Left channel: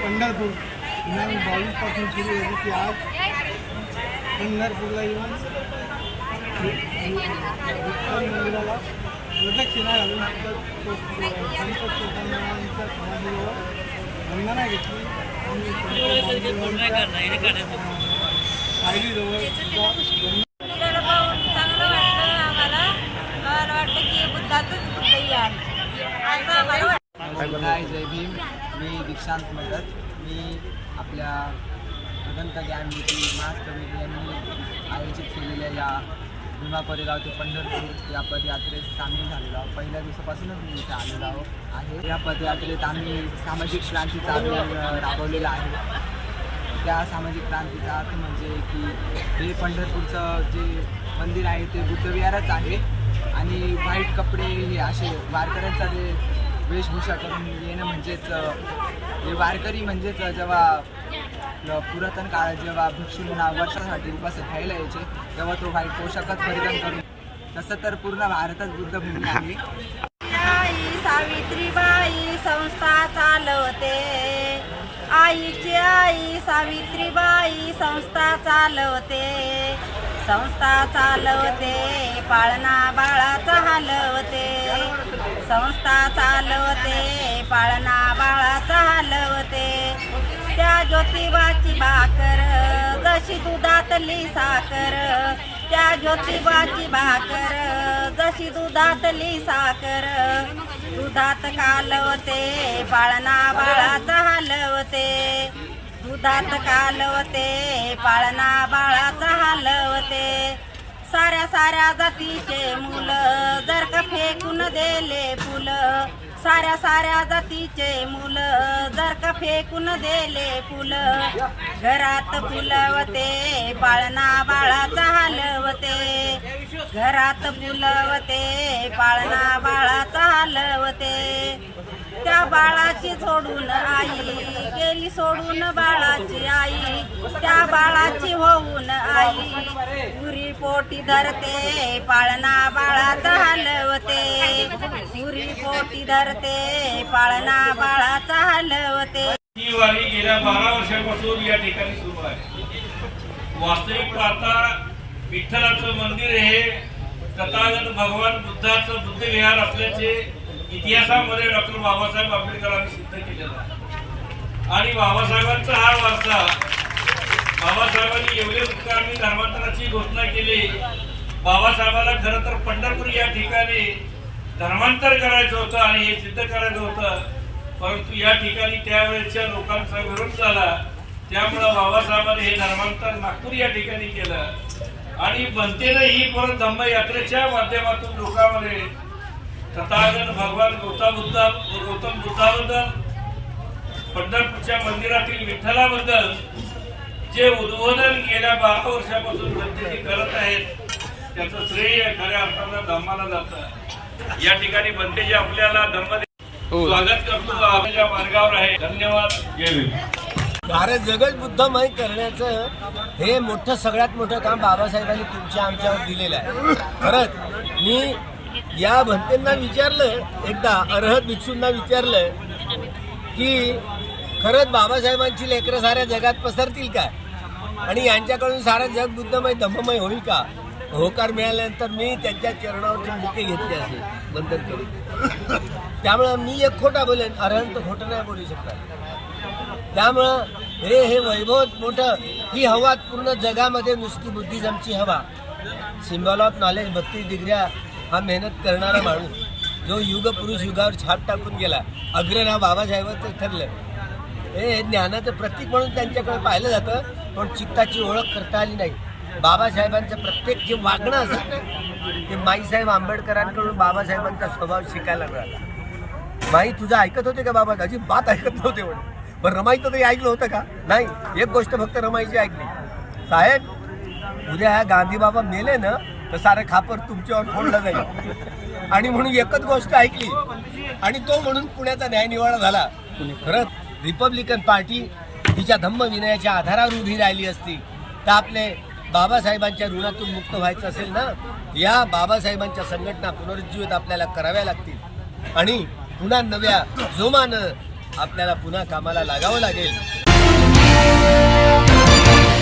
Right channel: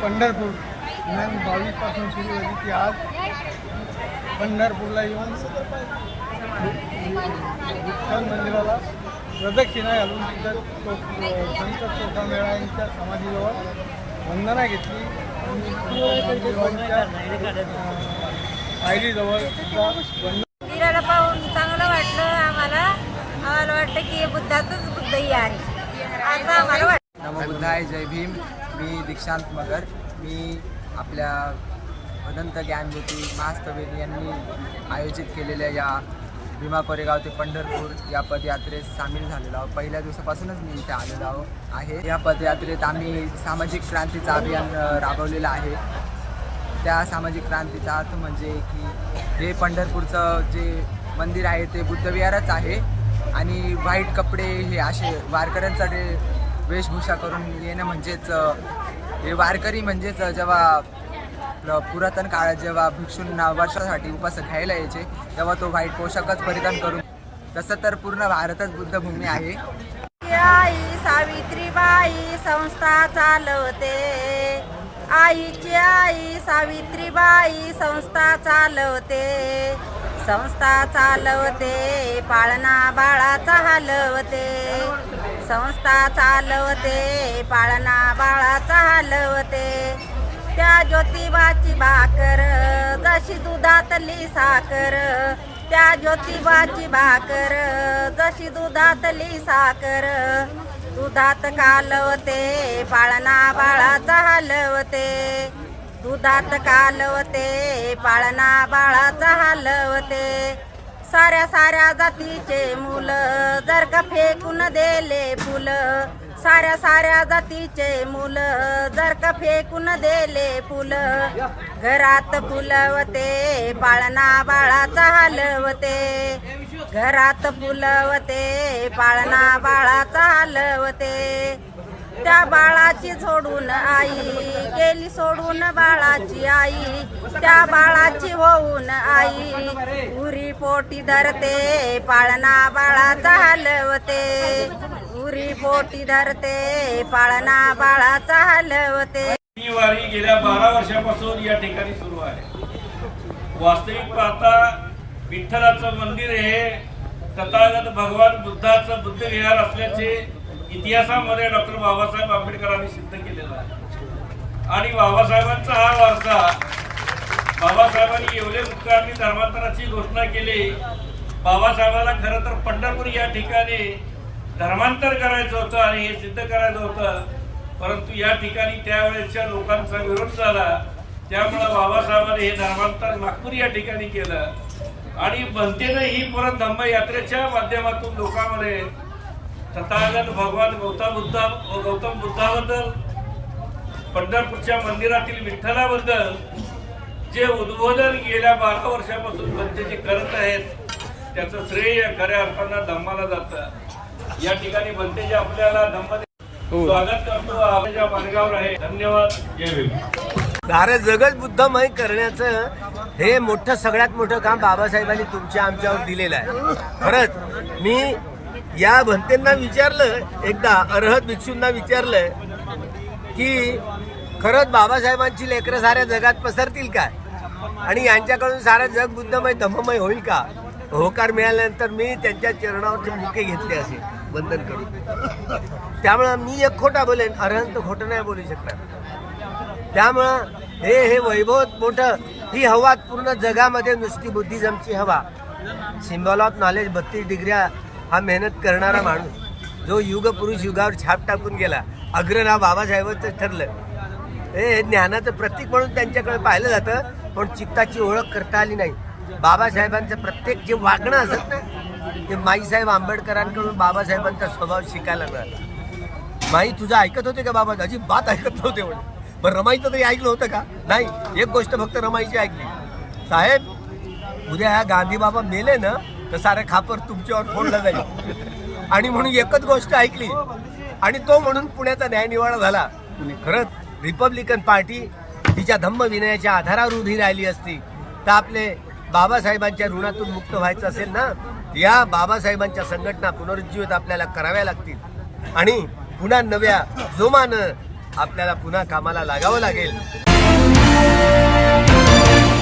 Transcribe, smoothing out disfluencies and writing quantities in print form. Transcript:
पंढरपूर दिनांक 22 पासून सुरू झाली की आज पंढरपूरला येऊन विठ्ठल मंदिराला प्रदक्षिणा घालून संत चोखामेळा यांच्या समाधीजवळ वंदना घेतली आणि पायरीजवळ सुद्धा मंदिराला पाहून चांगलं वाटलं आम्हाला. आम्हाला वाटतं की बुद्धाचंच बुद्धही आहे असं आम्हाला वाटतं. नमो बुद्धाय, जय भीम. मी दीक्षांत मगर. मी आपल्या भदंत ज्ञानज्योती महास्तविक यांनी आयोजित केलेल्या या भीमा कोरेगाव ते पंढरपूर या पदयात्रेत सामील झालेलो आहोत. पहिल्या दिवसापासूनच मी इथे आलेलो आहे. या पदयात्रेत आम्ही सामाजिक क्रांतीचं अभियान राबवलेलं आहे. त्या सामाजिक क्रांतीचा अर्थ म्हणजे की हे पंढरपूरचं जे मंदिर आहे ते बुद्धविहारच आहे आणि व्हाईट कपडे हे असे वारकऱ्यांसाठी वेशभूषा करून येणं म्हणजेच हे वारकरी म्हणजेच जेव्हा पुरातन काळात जेव्हा भिक्षूंना वर्षासाठी उपास घ्यायला यायचे तेव्हा तो व्हाईट पोशाखच परिधान करून, तसं तर पूर्ण भारतच बुद्धभूमी आहे. आई सावित्रीबाई संस्था चालवते, आईची आई सावित्रीबाई संस्था चालवते, संस्था चालवते पाळणा बाळाचा हलवते, संस्था चालवते पाळणा बाळाचा हलवते. त्या ज्योतिबाची भाकर जशी दुधातली साखर, त्या ज्योतिबाची भाकर जशी दुधातली साखर, दुधात कालवते पाळणा बाळाचा हलवते, दुधात कालवते पाळणा बाळाचा हलवते. साऱ्या साऱ्या जातीचे मुलं जर का फेकून दिले फुलं, साऱ्या साऱ्या जातीचे मुलं जर का फेकून दिले फुलं, घरात फुलवते पाळणा बाळाचा हलवते, घरात फुलवते पाळणा बाळाचा हलवते. त्या बाळाची सोडून आई गेली सोडून बाळाची आई, त्या बाळाची होऊन आई उरी पोटी धरते पाळणा बाळाचा हलवते, उरी पोटी धरते पाळणा बाळाचा हलवते. ही वारी गेल्या 12 वर्षापासून या ठिकाणी सुरू आहे. वास्तविक पाहता विठ्ठलाचं मंदिर हे तथागत भगवान बुद्धाचं बुद्धविहार असल्याचे इतिहासामध्ये डॉक्टर बाबासाहेब आंबेडकरांनी सिद्ध केलेला आहे. आणि बाबासाहेबांचा हा वारसा, बाबासाहेबांनी येवले मुक्कामी धर्मांतराची घोषणा केली. बाबासाहेबांना खरं तर पंढरपूर या ठिकाणी धर्मांतर करायचं होतं आणि हे सिद्ध करायचं होतं, परंतु या ठिकाणी त्यावेळेच्या लोकांचा विरोध झाला. त्यामुळं बाबासाहेबांनी हे धर्मांतर नागपूर या ठिकाणी केलं आणि बनतेनं ही परत धम्म यात्रेच्या माध्यमातून लोकांमध्ये तथागत भगवान गौतम बुद्धाबद्दल, पंढरपूरच्या मंदिरातील विठ्ठलाबद्दल जे उद्बोधन गेल्या 12 वर्षापासून बनतेजी करत आहेत त्याचं श्रेय खऱ्या अर्थानं धम्माला जातं. या ठिकाणी बनतेजी आपल्याला धम्म स्वागत करतो, आपल्या मार्गावर आहे. धन्यवाद. जय भीम. सारं जगत बुद्धमय करण्याचं हे मोठं सगळ्यात मोठं काम बाबासाहेबांनी तुमच्या आमच्यावर दिलेलं आहे. खरंच मी या भंतेंना विचारलं, एकदा अर्हत भिक्षूंना विचारलं की खरंच बाबासाहेबांची लेकरं साऱ्या जगात पसरतील काय आणि यांच्याकडून सारं जग बुद्धमय धम्ममय होईल का. होकार मिळाल्यानंतर मी त्यांच्या चरणावरचे मुके घेतले असे बंधन करून. त्यामुळं मी एक खोटा बोलेन, अर्हंत खोटं नाही बोलू शकतात. त्यामुळं हे वैभव मोठं, ही हवा पूर्ण जगामध्ये नुसती बुद्धिझमची हवा. सिम्बॉल ऑफ नॉलेज 32 डिग्र्या हा मेहनत करणारा माणूस जो युग पुरुष युगावर छाप टाकून गेला, अग्रनाव बाबासाहेबांचं ठरलं. हे ज्ञानाचं प्रतीक म्हणून त्यांच्याकडे पाहिलं जातं, पण चित्ताची ओळख करता आली नाही. बाबासाहेबांचं प्रत्येक जे वागणं असत ना ते माईसाहेब आंबेडकरांकडून बाबासाहेबांचा स्वभाव शिकायला मिळाला. माई तुझं ऐकत होते का बाबा? अजिबात ऐकत नव्हते म्हणे. पण रमाईचं तरी ऐकलं होतं का? नाही. एक गोष्ट फक्त रमाईची ऐकली, साहेब उद्या ह्या गांधी बाबा मेले ना तर सारं खापर तुमच्यावर फोडलं जाईल. आणि म्हणून एकच गोष्ट ऐकली आणि तो म्हणून पुण्याचा न्यायनिवाडा झाला. खरंच रिपब्लिकन पार्टी तिच्या धम्म विनयाच्या आधारावर उभी राहिली असती तर आपले बाबासाहेबांच्या ऋणातून मुक्त व्हायचं असेल ना, या बाबासाहेबांच्या संघटना पुनरुज्जीवित आपल्याला कराव्या लागतील. आणि पुन्हा नव्या जोमानं आपल्याला पुन्हा कामाला लागावं लागेल.